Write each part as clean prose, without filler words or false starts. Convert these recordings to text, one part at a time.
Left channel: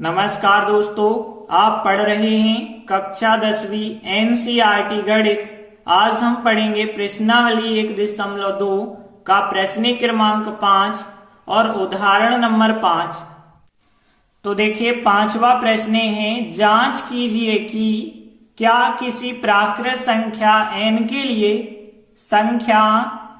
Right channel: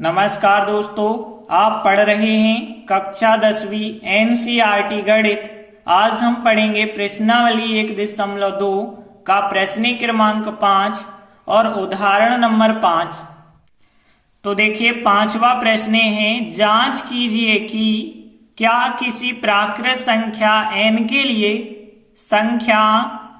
नमस्कार दोस्तों, आप पढ़ रहे हैं कक्षा 10वीं एनसीईआरटी गणित। आज हम पढ़ेंगे प्रश्नावली 1.2 का प्रश्न क्रमांक 5 और उदाहरण नंबर 5। तो देखिए, पांचवा प्रश्न है, जांच कीजिए कि क्या किसी प्राकृत संख्या n के लिए संख्या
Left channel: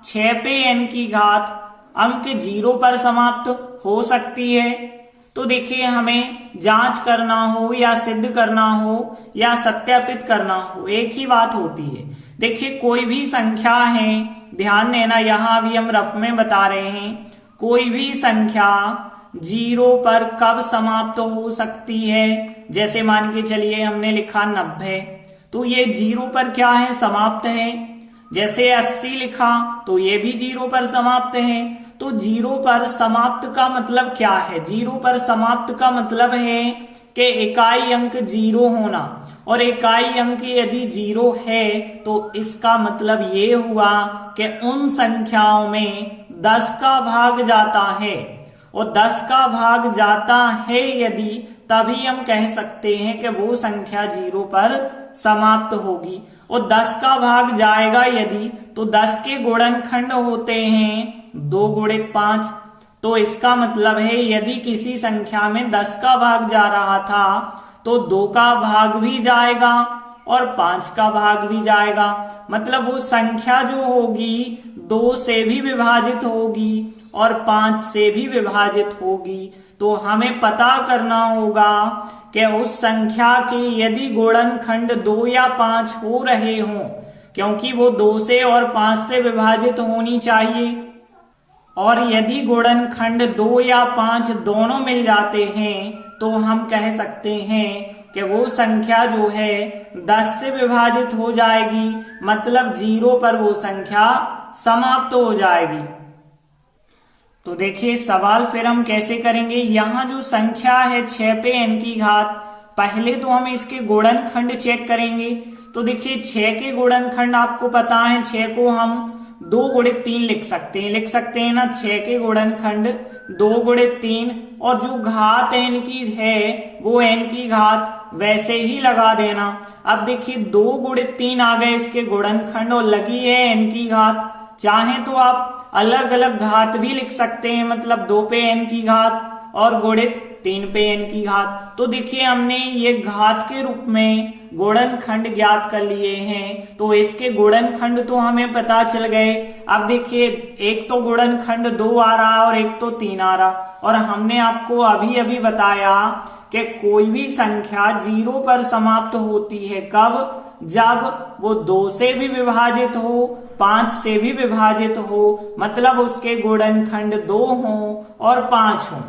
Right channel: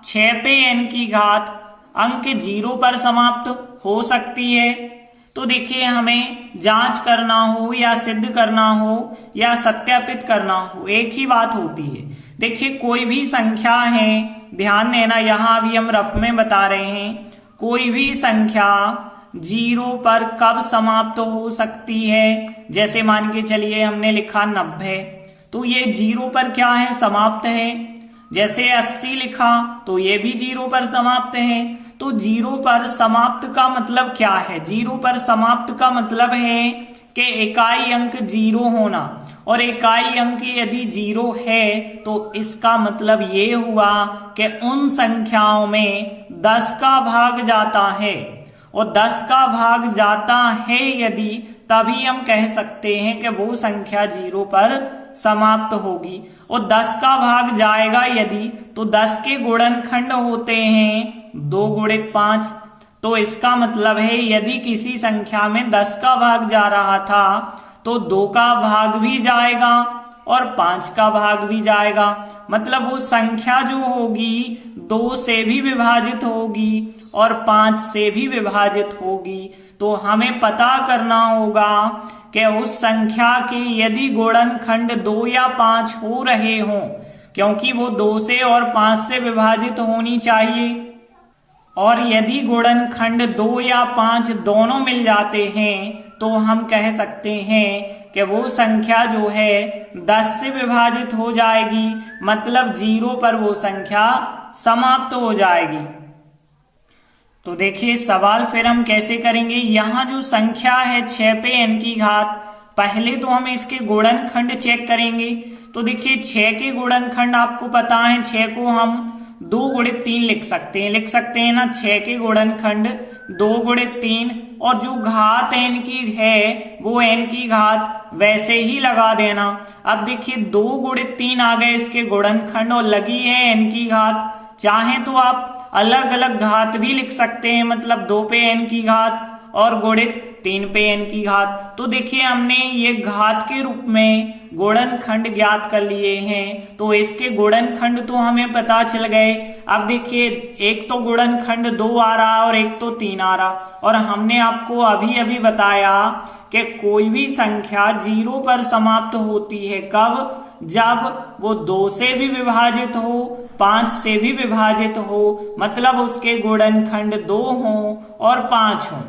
6 पे n की घात अंक 0 पर समाप्त हो सकती है। तो देखिए, हमें जांच करना हो या सिद्ध करना हो या सत्यापित करना हो, एक ही बात होती है। देखिए, कोई भी संख्या है, ध्यान देना, यहां भी हम रफ में बता रहे हैं, कोई भी संख्या 0 पर कब समाप्त हो सकती है। जैसे मान के चलिए हमने लिखा 90, तो ये 0 पर क्या है, समाप्त है। जैसे 80 लिखा तो ये भी 0 पर समाप्त है। तो 0 पर समाप्त का मतलब क्या है? 0 पर समाप्त का मतलब है कि इकाई अंक 0 होना, और इकाई अंक यदि 0 है तो इसका मतलब ये हुआ कि उन संख्याओं में 10 का भाग जाता है, और 10 का भाग जाता है यदि, तभी हम कह सकते हैं कि वो संख्या 0 पर समाप्त होगी। और 10 का भाग जाएगा यदि, तो 10 के गुणनखंड होते हैं 2 गुणित 5। तो इसका मतलब है यदि किसी संख्या में 10 का भाग जा रहा था तो 2 का भाग भी जाएगा और 5 का भाग भी जाएगा। मतलब वो संख्या जो होगी 2 से भी विभाजित होगी और 5 से भी विभाजित होगी। तो हमें पता करना होगा कि उस संख्या के यदि गुणनखंड 2 या 5 हो रहे हों, क्योंकि वो 2 से और 5 से विभाजित होनी चाहिए, और यदि गुणनखंड 2 या 5 दोनों मिल जाते हैं तो हम कह सकते हैं कि वो संख्या जो है 10 से विभाजित हो जाएगी, मतलब 0 पर वो संख्या समाप्त हो जाएगी। तो देखिए, सवाल फिर हम कैसे करेंगे। यहाँ जो संख्या है 6 पे n की घात, पहले तो हम इसके गुणनखंड चेक करेंगे। तो देखिए, 6 के गुणनखंड आपको पता है, 6 को हम 2 गुणित 3 लिख सकते हैं ना। 6 के गुणनखंड 2 गुणित 3, और जो घात n की है वो n की घात वैसे ही लगा देना। अब देखिए, 2 गुणित 3 आ गए इसके गुणनखंड और लगी है n की घात। चाहे तो आप अलग अलग घात भी लिख सकते हैं, मतलब 2 पे n की घात और गुणित 3 पे n की घात। तो देखिए, हमने ये घात के रूप में गुणनखंड ज्ञात कर लिए हैं, तो इसके गुणनखंड तो हमें पता चल गए। अब देखिए, एक तो गुणनखंड 2 आ रहा और एक तो 3 आ रहा, और हमने आपको अभी अभी बताया कि कोई भी संख्या 0 पर समाप्त होती है कब? जब वो 2 से भी विभाजित हो, 5 से भी विभाजित हो, मतलब उसके गुणनखंड 2 हो और 5 हो।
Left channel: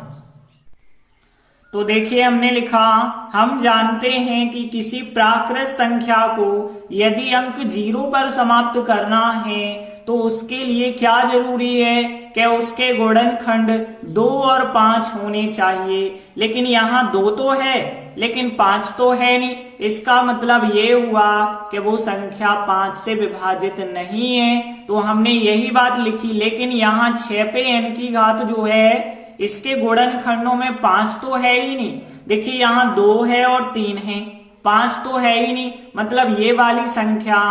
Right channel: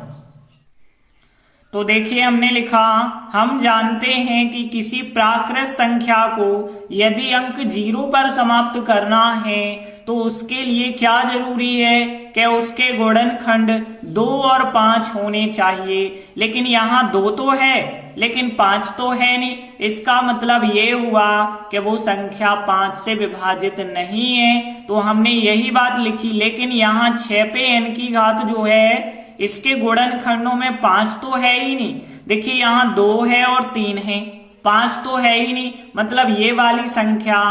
तो देखिए, हमने लिखा, हम जानते हैं कि किसी प्राकृत संख्या को यदि अंक 0 पर समाप्त करना है तो उसके लिए क्या जरूरी है कि उसके गुणनखंड 2 और 5 होने चाहिए। लेकिन यहाँ 2 तो है लेकिन 5 तो है नहीं। इसका मतलब ये हुआ कि वो संख्या 5 से विभाजित नहीं है। तो हमने यही बात लिखी, लेकिन यहाँ 6 पे n की घात जो है इसके गुणनखंडों में 5 तो है ही नहीं। देखिए, यहाँ 2 है और 3 है, 5 तो है ही नहीं, मतलब ये वाली संख्या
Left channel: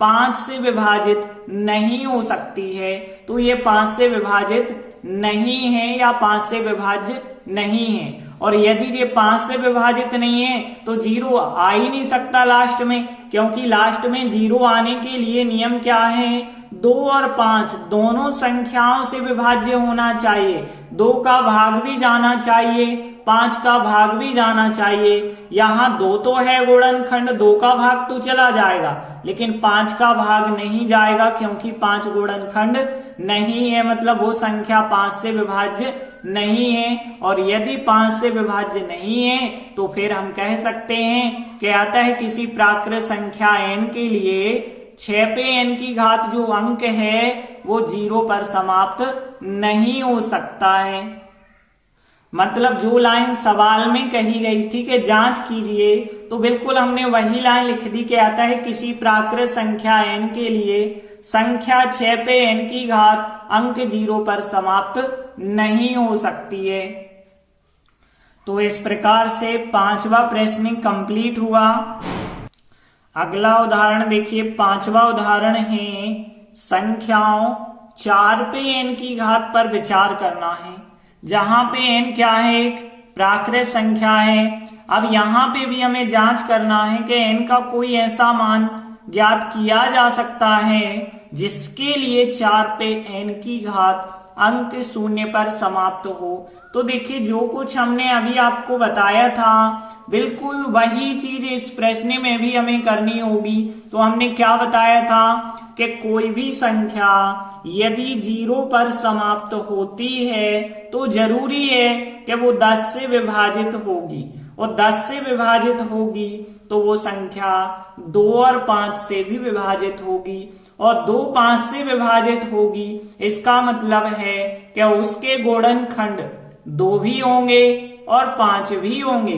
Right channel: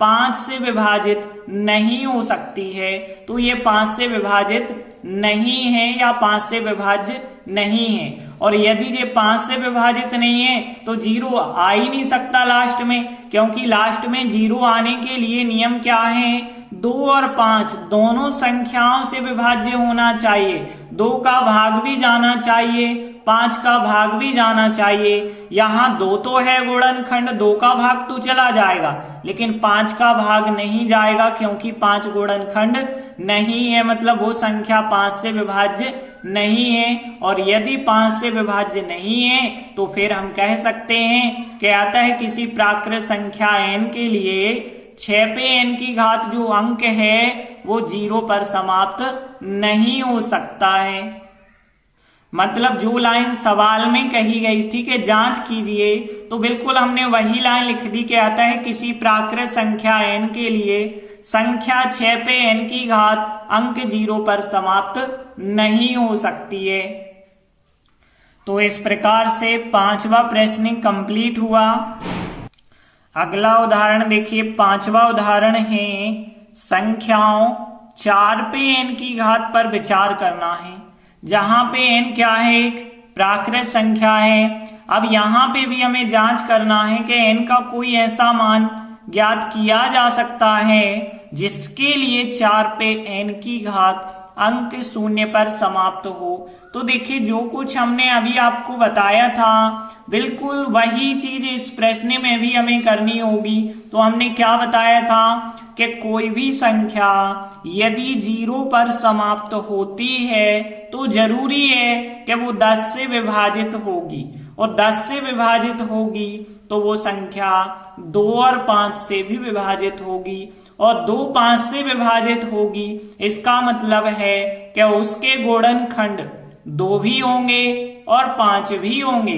5 से विभाजित नहीं हो सकती है। तो ये 5 से विभाजित नहीं है या 5 से विभाज्य नहीं है। और यदि ये 5 से विभाजित नहीं है तो 0 आ ही नहीं सकता लास्ट में, क्योंकि लास्ट में 0 आने के लिए नियम क्या है? 2 और 5 दोनों संख्याओं से विभाज्य होना चाहिए। 2 का भाग भी जाना चाहिए, 5 का भाग भी जाना चाहिए। यहाँ 2 तो है गुणनखंड, 2 का भाग तो चला जाएगा, लेकिन 5 का भाग नहीं जाएगा, क्योंकि 5 गुणनखंड नहीं है, मतलब वो संख्या 5 से विभाज्य नहीं है। और यदि 5 से विभाज्य नहीं है तो फिर हम कह सकते हैं कि अतः किसी प्राकृत संख्या n के लिए 6 पे n की घात जो अंक है वो 0 पर समाप्त नहीं हो सकता है। मतलब जो लाइन सवाल में कही गई थी कि जांच कीजिए, तो बिल्कुल हमने वही लाइन लिख दी कि आता है किसी प्राकृत संख्या n के लिए संख्या 6 पे n की घात अंक 0 पर समाप्त नहीं हो सकती है। तो इस प्रकार से 5वां प्रश्न कंप्लीट हुआ। अगला उदाहरण देखिए, 5वां उदाहरण है संख्याओं 4 पे n की घात पर विचार करना है। जहां पे n क्या है, एक प्राकृत संख्या है। अब यहां पे भी हमें जांच करना है कि n का कोई ऐसा मान ज्ञात किया जा सकता है जिसके लिए 4 पे n की घात अंक शून्य पर समाप्त हो। तो देखिए, जो कुछ हमने अभी आपको बताया था बिल्कुल वही चीज इस प्रश्न में भी हमें करनी होगी। तो हमने क्या बताया था कि कोई भी संख्या यदि 0 पर समाप्त होती है तो जरूरी है कि वो 10 से विभाजित होगी, और 10 से विभाजित होगी तो वो संख्या 2 और 5 से भी विभाजित होगी, और 2 5 से विभाजित होगी। इसका मतलब है कि उसके गुणनखंड 2 भी होंगे और 5 भी होंगे।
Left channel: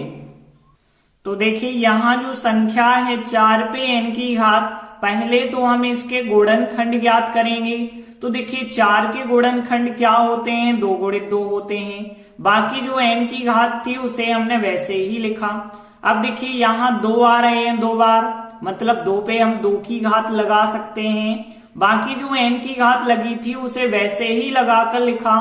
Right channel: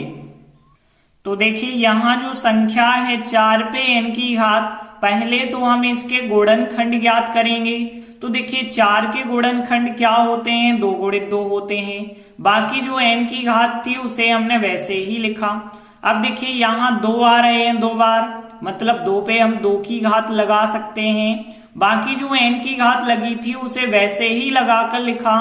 तो देखिए, यहाँ जो संख्या है 4 पे n की घात, पहले तो हम इसके गुणनखंड ज्ञात करेंगे। तो देखिए, 4 के गुणनखंड क्या होते हैं, 2 गुणित 2 होते हैं। बाकी जो n की घात थी उसे हमने वैसे ही लिखा। अब देखिए, यहाँ 2 आ रहे हैं 2 बार, मतलब 2 पे हम 2 की घात लगा सकते हैं। बाकी जो n की घात लगी थी उसे वैसे ही लगाकर लिखा।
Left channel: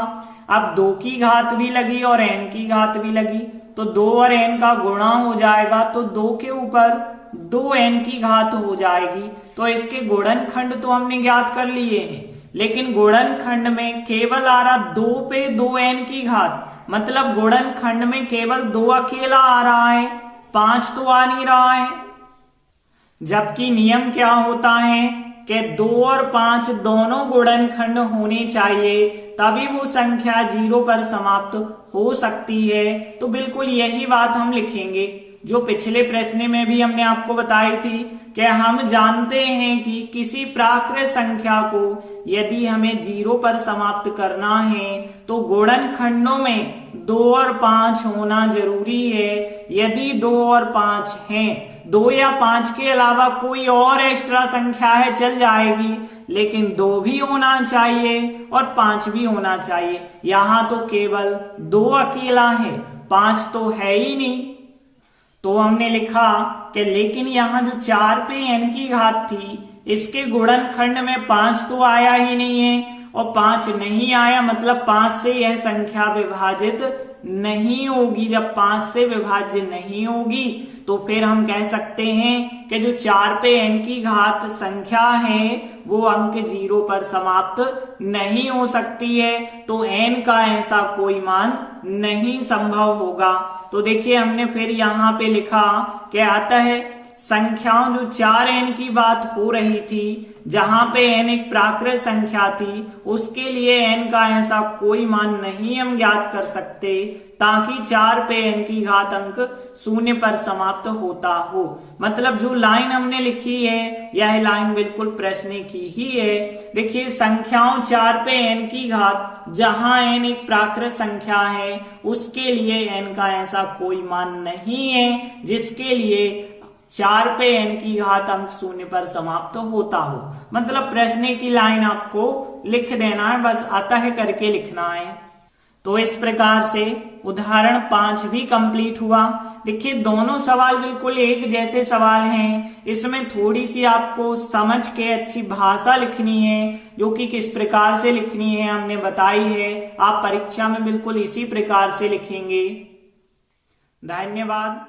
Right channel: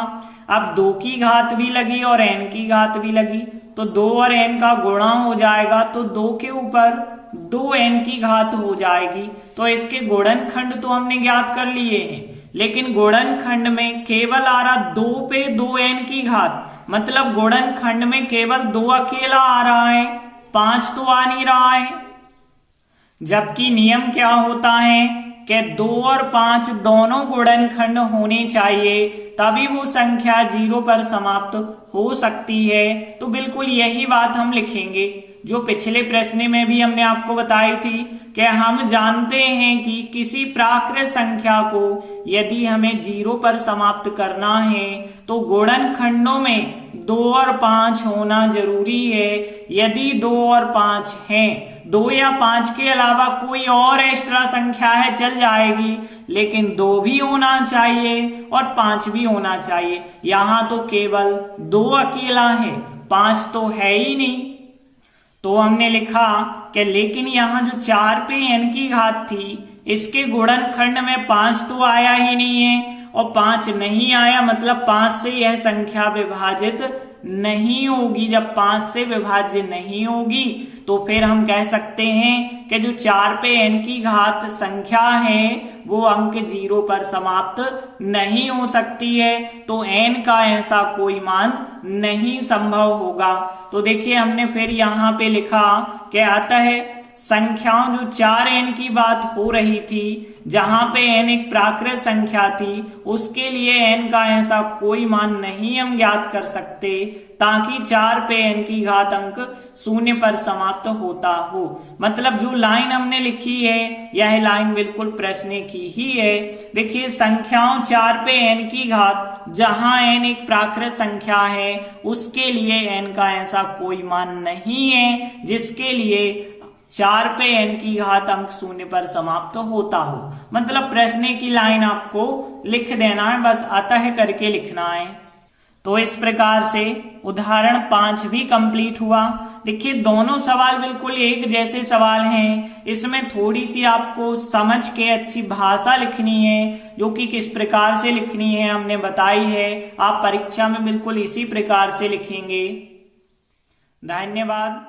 अब 2 की घात भी लगी और n की घात भी लगी, तो 2 और n का गुणा हो जाएगा, तो 2 के ऊपर 2n की घात हो जाएगी। तो इसके गुणनखंड तो हमने ज्ञात कर लिए हैं, लेकिन गुणनखंड में केवल आ रहा 2 पे 2n की घात, मतलब गुणनखंड में केवल 2 अकेला आ रहा है, 5 तो आ नहीं रहा है। जबकि नियम क्या होता है कि 2 और 5 दोनों गुणनखंड होने चाहिए, तभी वो संख्या 0 पर समाप्त हो सकती है। तो बिल्कुल यही बात हम लिखेंगे जो पिछले प्रश्न में भी हमने आपको बताई थी कि हम जानते हैं कि किसी प्राकृत संख्या को यदि हमें 0 पर समाप्त करना है तो गुणनखंडों में 2 और 5 होना जरूरी है। यदि 2 और 5 हैं, 2 या 5 के अलावा कोई और एक्स्ट्रा संख्या है चल जाएगी, लेकिन 2 भी होना चाहिए और 5 भी होना चाहिए। यहाँ तो केवल 2 अकेला है, 5 तो है ही नहीं। तो हमने लिखा कि लेकिन यहाँ जो 4 पे n की घात थी, इसके गुणनखंड में 5 तो आया ही नहीं है, और 5 नहीं आया मतलब 5 से यह संख्या विभाजित नहीं होगी। जब 5 से विभाज्य नहीं होगी तो फिर हम कह सकते हैं कि जो 4 पे n की घात संख्या है वो अंक 0 पर समाप्त नहीं हो सकती है। तो n का ऐसा कोई मान नहीं संभव होगा। तो देखिए, हमने फिर यहाँ पे लिखा कि अतः संख्याओं जो 4n की बात हो रही थी, जहां पे n एक प्राकृत संख्या थी, उसके लिए n का ऐसा कोई मान नहीं हम ज्ञात कर सकते ताकि 4 पे n की घात अंक 0 पर समाप्त होता हो। मतलब जो लाइन हमने लिखी है यह लाइन बिल्कुल प्रश्न की ही है। देखिए, संख्याओं 4 पे n की घात जहां n एक प्राकृत संख्या है उसके लिए n का ऐसा कोई मान नहीं है जिसके लिए 4 पे n की घात अंक 0 पर समाप्त होता हो। मतलब प्रश्न की लाइन आपको लिख देना है, बस अतः करके लिखना है। तो इस प्रकार से उदाहरण 5 भी कंप्लीट हुआ। देखिए, दोनों सवाल बिल्कुल एक जैसे सवाल हैं। इसमें थोड़ी सी आपको समझ के अच्छी भाषा लिखनी है, जो कि किस प्रकार से लिखनी है हमने बताई है। आप परीक्षा में बिल्कुल इसी प्रकार से लिखेंगे। धन्यवाद।